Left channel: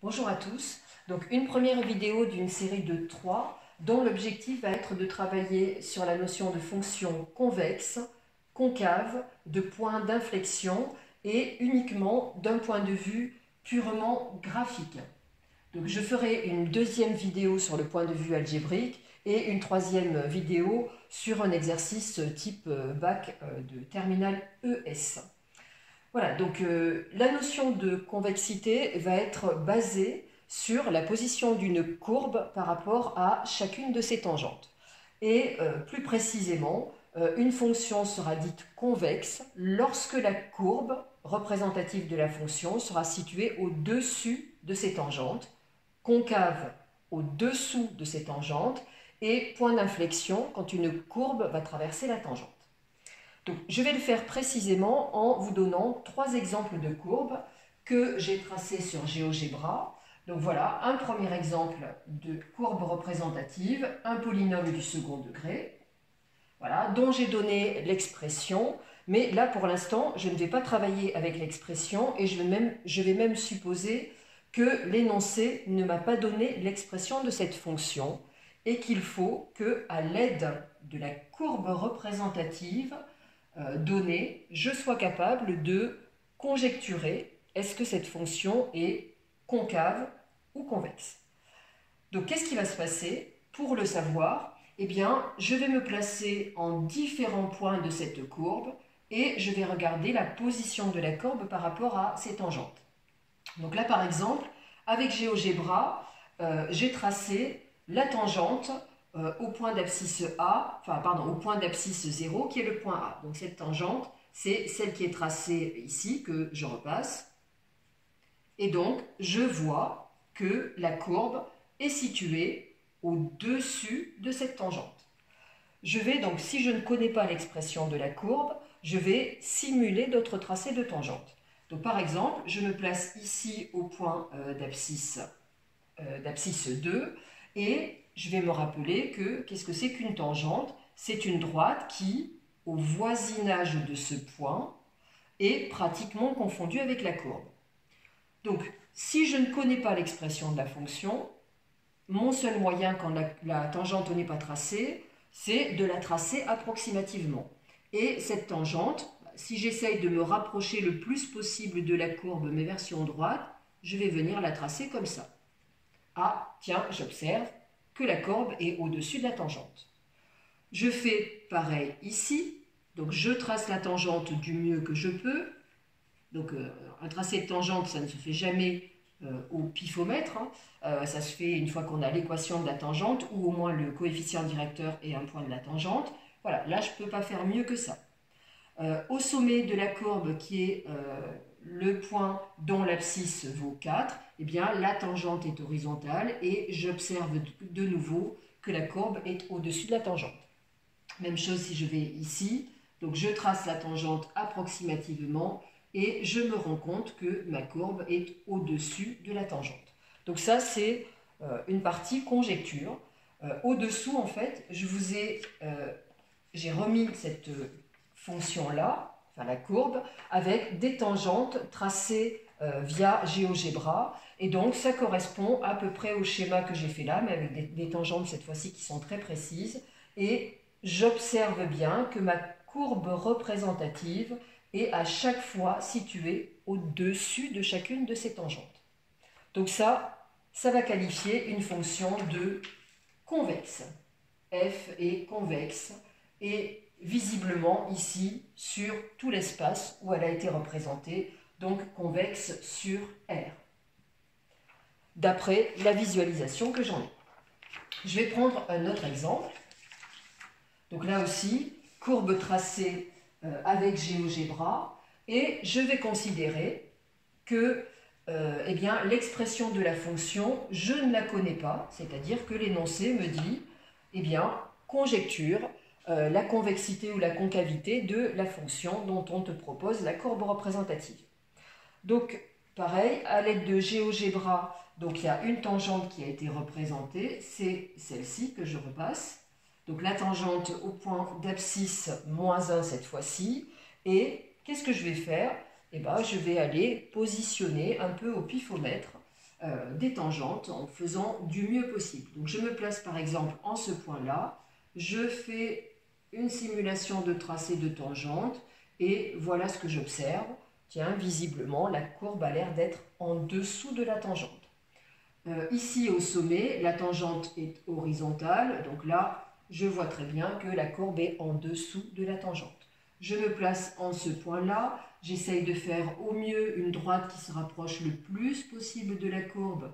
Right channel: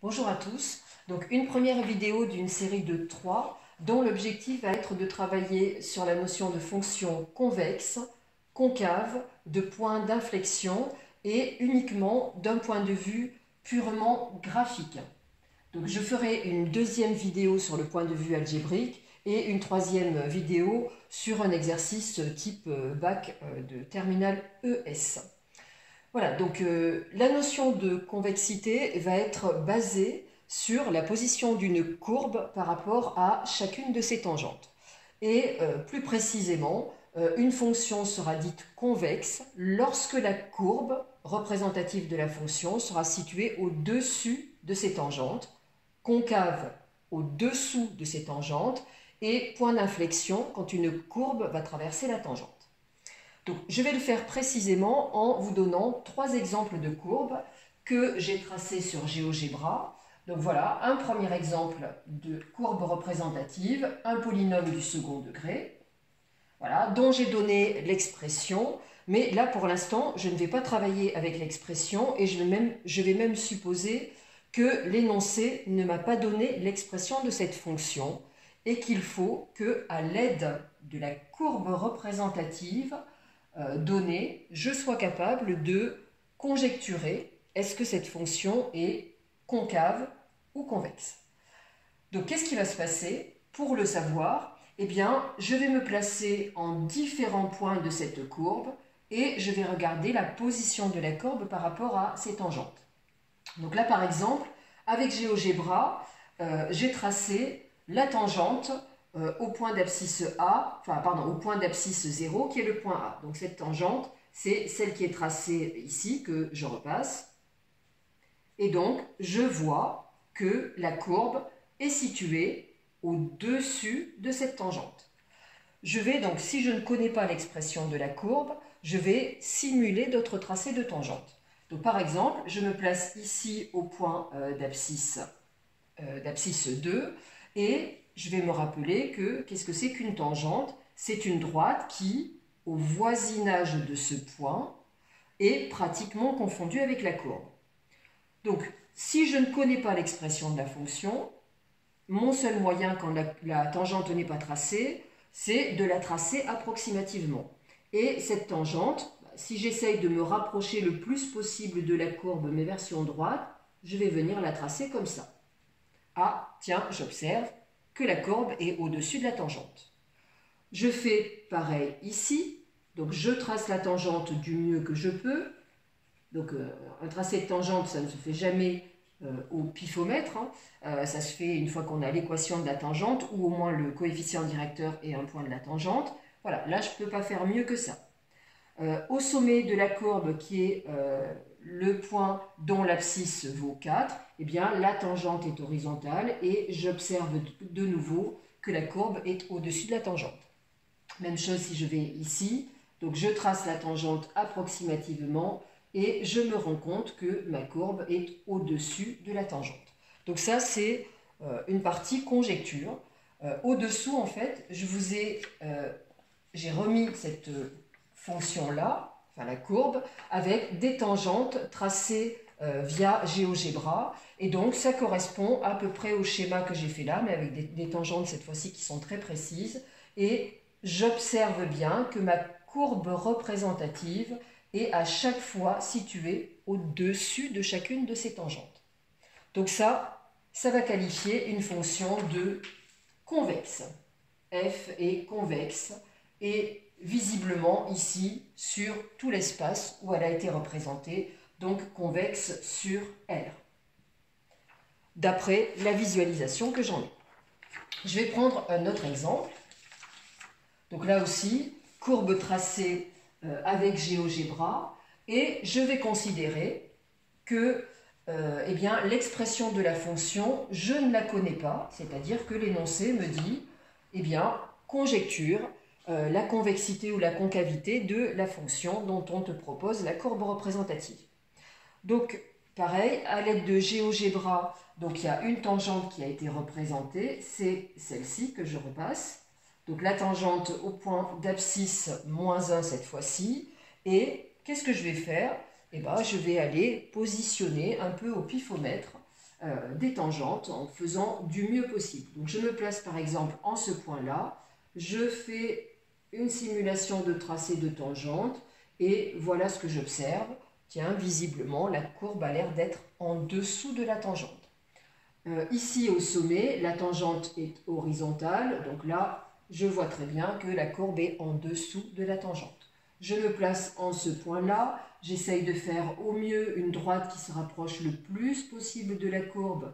Bonjour à tous. Donc une première vidéo d'une série de 3 dont l'objectif va être de travailler sur la notion de fonction convexe, concave, de point d'inflexion et uniquement d'un point de vue purement graphique. Donc je ferai une deuxième vidéo sur le point de vue algébrique et une troisième vidéo sur un exercice type bac de terminale ES. Voilà, donc la notion de convexité va être basée sur la position d'une courbe par rapport à chacune de ses tangentes. Et plus précisément, une fonction sera dite convexe lorsque la courbe représentative de la fonction sera située au-dessus de ses tangentes, concave au-dessous de ses tangentes et point d'inflexion quand une courbe va traverser la tangente. Donc, je vais le faire précisément en vous donnant 3 exemples de courbes que j'ai tracées sur GeoGebra. Donc voilà, un premier exemple de courbe représentative, un polynôme du second degré, voilà, dont j'ai donné l'expression, mais là pour l'instant je ne vais pas travailler avec l'expression et je vais même supposer que l'énoncé ne m'a pas donné l'expression de cette fonction et qu'il faut que, à l'aide de la courbe représentative donnée, je sois capable de conjecturer est-ce que cette fonction est concave ou convexe. Donc qu'est-ce qui va se passer? Pour le savoir, eh bien, je vais me placer en différents points de cette courbe et je vais regarder la position de la courbe par rapport à ses tangentes. Donc là, par exemple, avec GeoGebra, j'ai tracé la tangente au point d'abscisse A, au point d'abscisse 0 qui est le point A. Donc cette tangente, c'est celle qui est tracée ici, que je repasse. Et donc, je vois que la courbe est située au-dessus de cette tangente. Je vais donc, si je ne connais pas l'expression de la courbe, je vais simuler d'autres tracés de tangente. Donc par exemple, je me place ici au point d'abscisse 2 et je vais me rappeler que qu'est-ce que c'est qu'une tangente? C'est une droite qui, au voisinage de ce point, est pratiquement confondue avec la courbe. Donc, si je ne connais pas l'expression de la fonction, mon seul moyen quand la tangente n'est pas tracée, c'est de la tracer approximativement. Et cette tangente, si j'essaye de me rapprocher le plus possible de la courbe mais version droite, je vais venir la tracer comme ça. Ah, tiens, j'observe que la courbe est au-dessus de la tangente. Je fais pareil ici, donc je trace la tangente du mieux que je peux. Donc un tracé de tangente, ça ne se fait jamais au pifomètre, hein. Ça se fait une fois qu'on a l'équation de la tangente ou au moins le coefficient directeur et un point de la tangente. Voilà, là je ne peux pas faire mieux que ça. Au sommet de la courbe qui est le point dont l'abscisse vaut 4, eh bien, la tangente est horizontale et j'observe de nouveau que la courbe est au-dessus de la tangente. Même chose si je vais ici, donc je trace la tangente approximativement et je me rends compte que ma courbe est au-dessus de la tangente. Donc ça, c'est une partie conjecture. Au-dessous, en fait, j'ai remis cette fonction-là, enfin la courbe, avec des tangentes tracées via GeoGebra. Et donc, ça correspond à peu près au schéma que j'ai fait là, mais avec des tangentes cette fois-ci qui sont très précises. Et j'observe bien que ma courbe représentative est à chaque fois située au-dessus de chacune de ces tangentes. Donc ça va qualifier une fonction de convexe. F est convexe et visiblement ici sur tout l'espace où elle a été représentée, donc convexe sur R, d'après la visualisation que j'en ai. Je vais prendre un autre exemple. Donc là aussi, courbe tracée avec GeoGebra, et je vais considérer que eh bien, l'expression de la fonction, je ne la connais pas, c'est-à-dire que l'énoncé me dit, eh bien, conjecture la convexité ou la concavité de la fonction dont on te propose la courbe représentative. Donc, pareil, à l'aide de GeoGebra, donc il y a une tangente qui a été représentée, c'est celle-ci que je repasse. Donc la tangente au point d'abscisse moins 1 cette fois-ci. Et qu'est-ce que je vais faire? Eh bien, je vais aller positionner un peu au pifomètre des tangentes en faisant du mieux possible. Donc je me place par exemple en ce point-là, je fais une simulation de tracé de tangente et voilà ce que j'observe. Tiens, visiblement, la courbe a l'air d'être en dessous de la tangente. Ici au sommet, la tangente est horizontale, donc là, je vois très bien que la courbe est en dessous de la tangente. Je me place en ce point-là, j'essaye de faire au mieux une droite qui se rapproche le plus possible de la courbe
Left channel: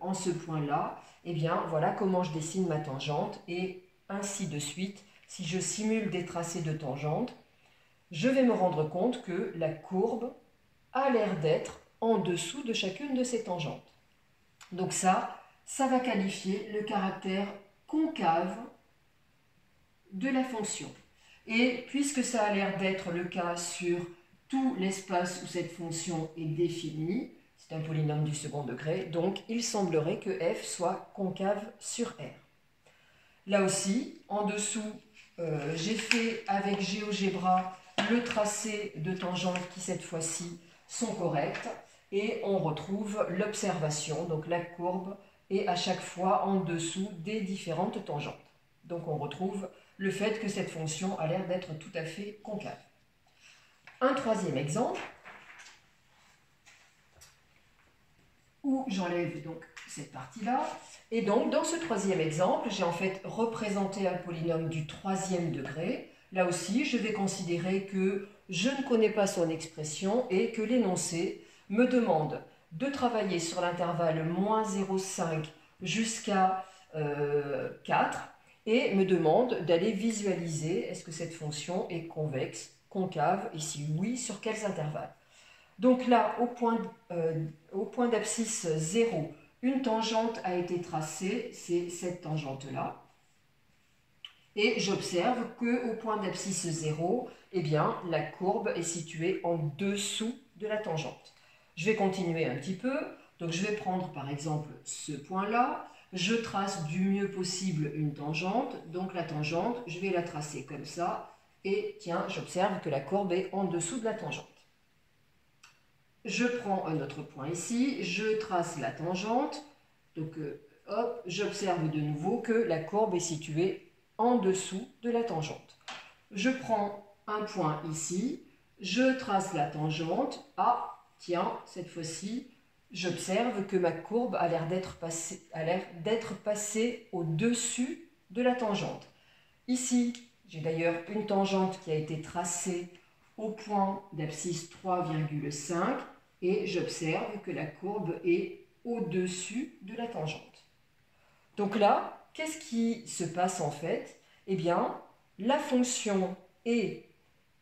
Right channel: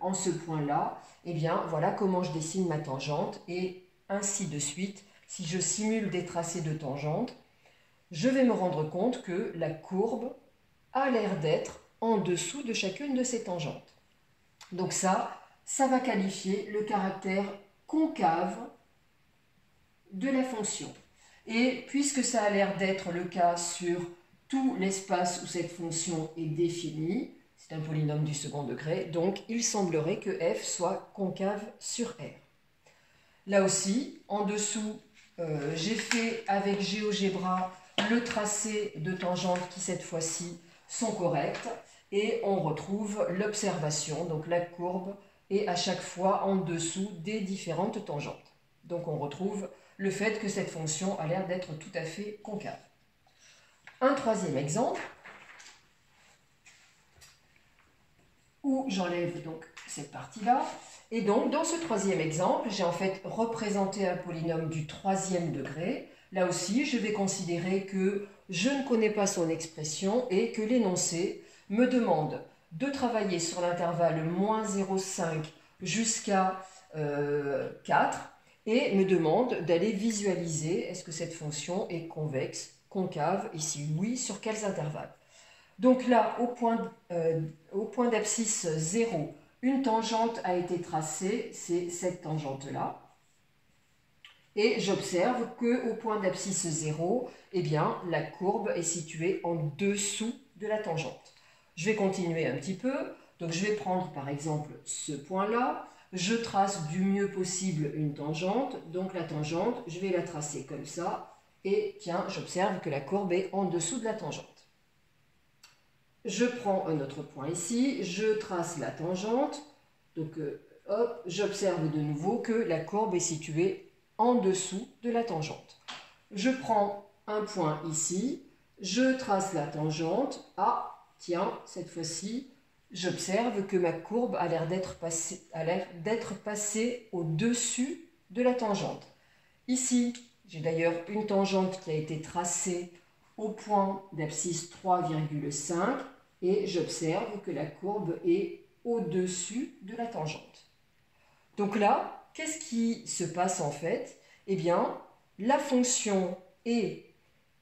en ce point-là. Et bien, voilà comment je dessine ma tangente et ainsi de suite. Si je simule des tracés de tangente, je vais me rendre compte que la courbe a l'air d'être en dessous de chacune de ces tangentes. Donc ça va qualifier le caractère concave de la fonction. Et puisque ça a l'air d'être le cas sur tout l'espace où cette fonction est définie, c'est un polynôme du second degré, donc il semblerait que f soit concave sur R. Là aussi, en dessous, j'ai fait avec GeoGebra le tracé de tangentes qui cette fois-ci sont correctes et on retrouve l'observation, donc la courbe est à chaque fois en dessous des différentes tangentes. Donc on retrouve le fait que cette fonction a l'air d'être tout à fait concave. Un troisième exemple où j'enlève donc cette partie-là. Et donc dans ce troisième exemple, j'ai en fait représenté un polynôme du troisième degré. Là aussi, je vais considérer que je ne connais pas son expression et que l'énoncé me demande de travailler sur l'intervalle moins 0,5 jusqu'à 4 et me demande d'aller visualiser est-ce que cette fonction est convexe, concave et si oui, sur quels intervalles. Donc là, au point d'abscisse 0, une tangente a été tracée, c'est cette tangente-là. Et j'observe qu'au point d'abscisse 0, eh bien, la courbe est située en dessous de la tangente. Je vais continuer un petit peu. Donc je vais prendre par exemple ce point-là. Je trace du mieux possible une tangente. Donc la tangente, je vais la tracer comme ça. Et tiens, j'observe que la courbe est en dessous de la tangente. Je prends un autre point ici. Je trace la tangente. Donc hop, j'observe de nouveau que la courbe est située en dessous de la tangente. Je prends un point ici, je trace la tangente. Ah, tiens, cette fois-ci, j'observe que ma courbe a l'air d'être passée au-dessus de la tangente. Ici, j'ai d'ailleurs une tangente qui a été tracée au point d'abscisse 3,5 et j'observe que la courbe est au-dessus de la tangente. Donc là, qu'est-ce qui se passe en fait? Eh bien, la fonction est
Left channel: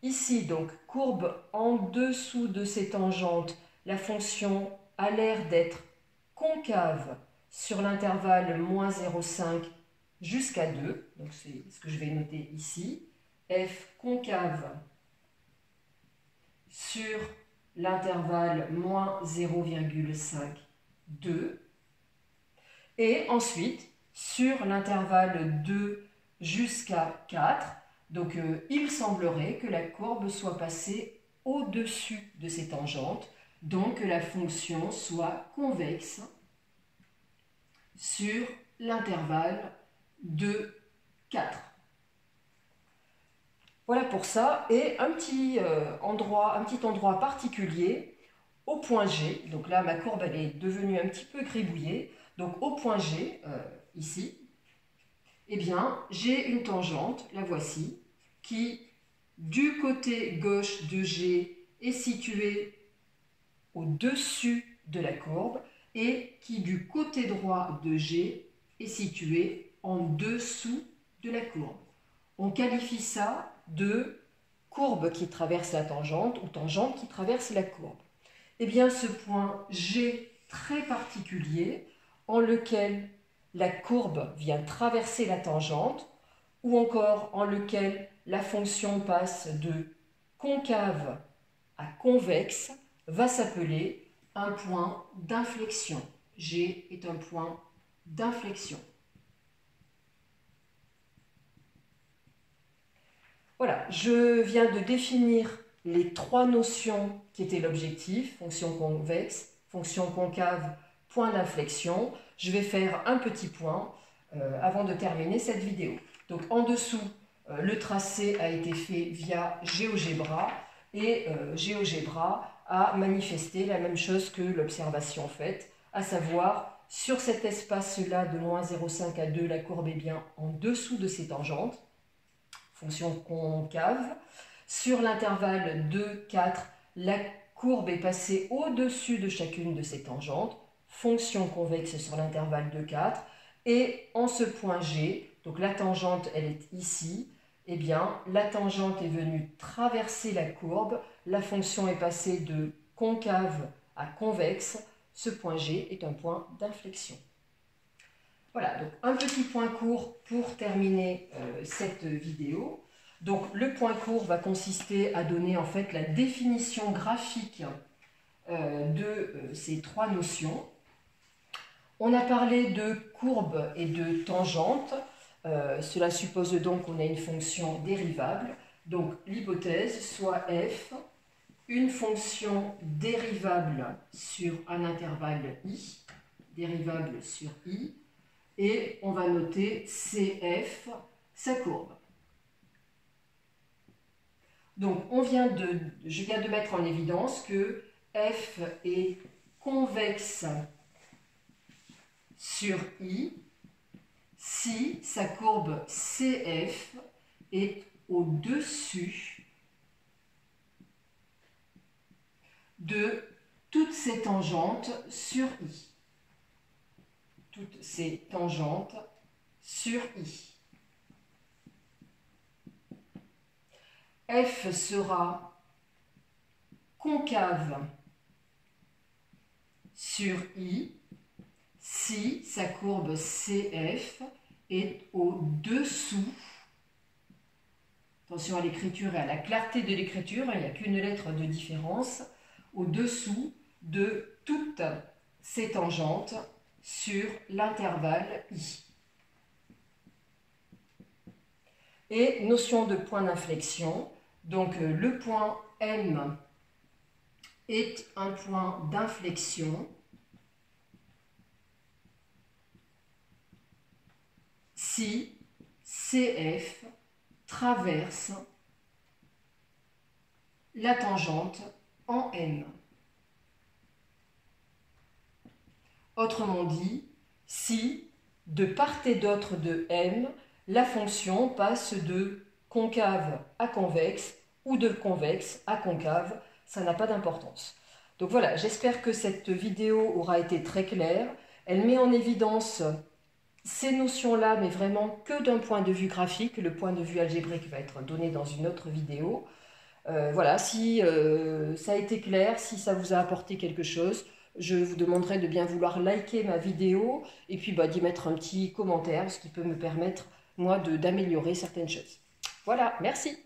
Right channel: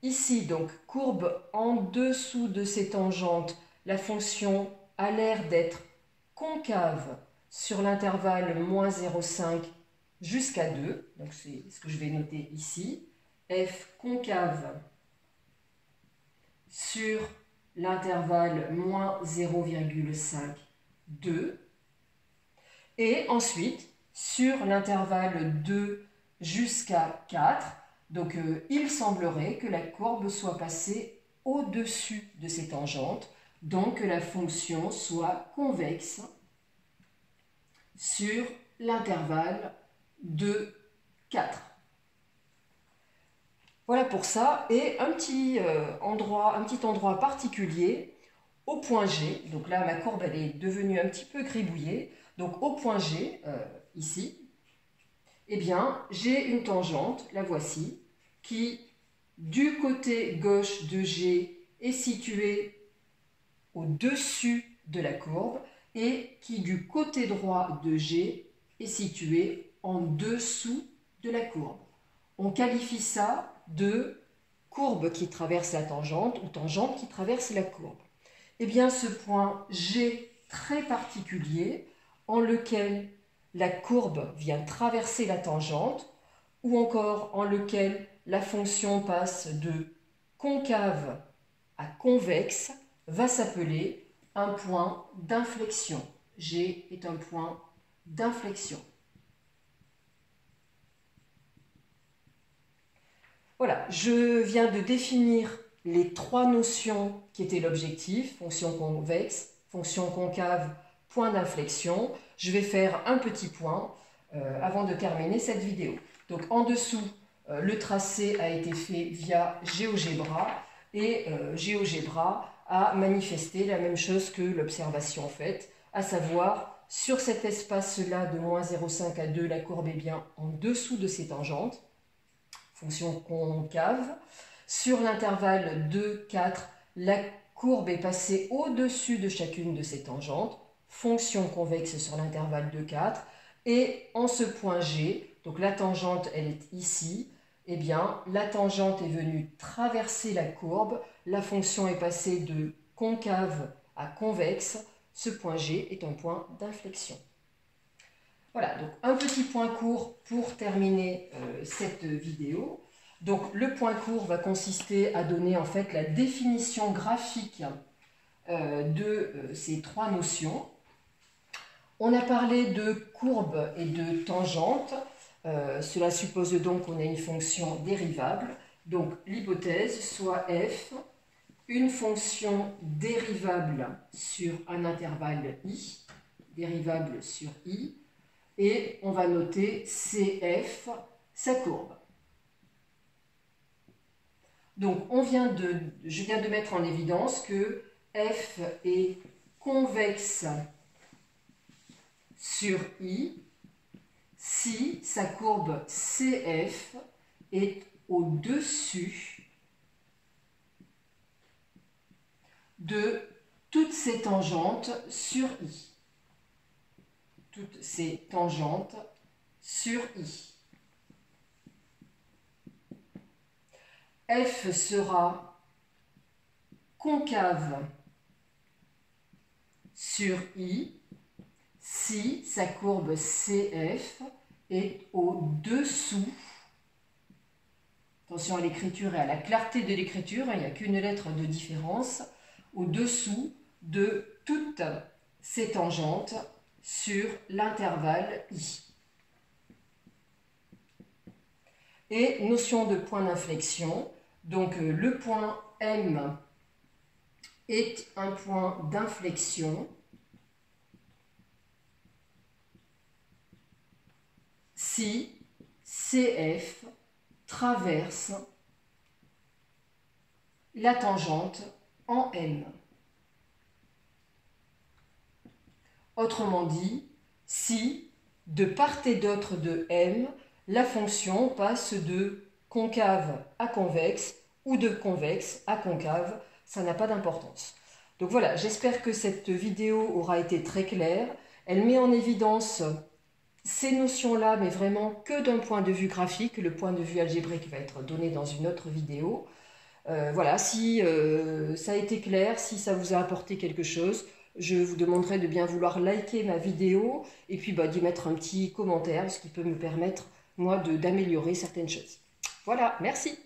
ici, donc courbe en dessous de ces tangentes. La fonction a l'air d'être concave sur l'intervalle moins 0,5 jusqu'à 2. Donc c'est ce que je vais noter ici. F concave sur l'intervalle moins 0,5, 2. Et ensuite, sur l'intervalle 2 jusqu'à 4, donc il semblerait que la courbe soit passée au-dessus de ces tangentes, donc que la fonction soit convexe sur l'intervalle 2, 4. Voilà pour ça, et un petit endroit particulier au point G. Donc là, ma courbe elle est devenue un petit peu gribouillée. Donc au point G, ici, eh bien, j'ai une tangente, la voici, qui du côté gauche de G est située au-dessus de la courbe et qui du côté droit de G est située en dessous de la courbe. On qualifie ça de courbe qui traverse la tangente ou tangente qui traverse la courbe. Eh bien, ce point G très particulier, en lequel la courbe vient traverser la tangente, ou encore en lequel la fonction passe de concave à convexe, va s'appeler un point d'inflexion. G est un point d'inflexion. Voilà, je viens de définir les trois notions qui étaient l'objectif, fonction convexe, fonction concave, point d'inflexion. Je vais faire un petit point avant de terminer cette vidéo. Donc en dessous, le tracé a été fait via GeoGebra et GeoGebra a manifesté la même chose que l'observation faite, à savoir sur cet espace-là de moins 0,5 à 2, la courbe est bien en dessous de ses tangentes, fonction concave. Sur l'intervalle 2, 4, la courbe est passée au-dessus de chacune de ses tangentes, fonction convexe sur l'intervalle 2, 4. Et en ce point G, donc la tangente elle est ici, eh bien la tangente est venue traverser la courbe, la fonction est passée de concave à convexe, ce point G est un point d'inflexion. Voilà, donc un petit point court pour terminer cette vidéo. Donc le point court va consister à donner en fait la définition graphique de ces trois notions. On a parlé de courbe et de tangente. Cela suppose donc qu'on a une fonction dérivable. Donc l'hypothèse soit f, une fonction dérivable sur un intervalle i, dérivable sur i, et on va noter cf, sa courbe. Donc je viens de mettre en évidence que f est convexe sur i si sa courbe CF est au-dessus de toutes ces tangentes sur i. Toutes ces tangentes sur i. F sera concave sur i si sa courbe CF est au-dessous, attention à l'écriture et à la clarté de l'écriture, il n'y a qu'une lettre de différence, au-dessous de toutes ces tangentes sur l'intervalle i. Et notion de point d'inflexion, donc le point M est un point d'inflexion si CF traverse la tangente en M. Autrement dit, si de part et d'autre de M, la fonction passe de concave à convexe ou de convexe à concave, ça n'a pas d'importance. Donc voilà, j'espère que cette vidéo aura été très claire. Elle met en évidence ces notions-là, mais vraiment que d'un point de vue graphique. Le point de vue algébrique va être donné dans une autre vidéo. Voilà, si ça a été clair, si ça vous a apporté quelque chose, je vous demanderai de bien vouloir liker ma vidéo et puis d'y mettre un petit commentaire, ce qui peut me permettre, moi, d'améliorer certaines choses. Voilà, merci.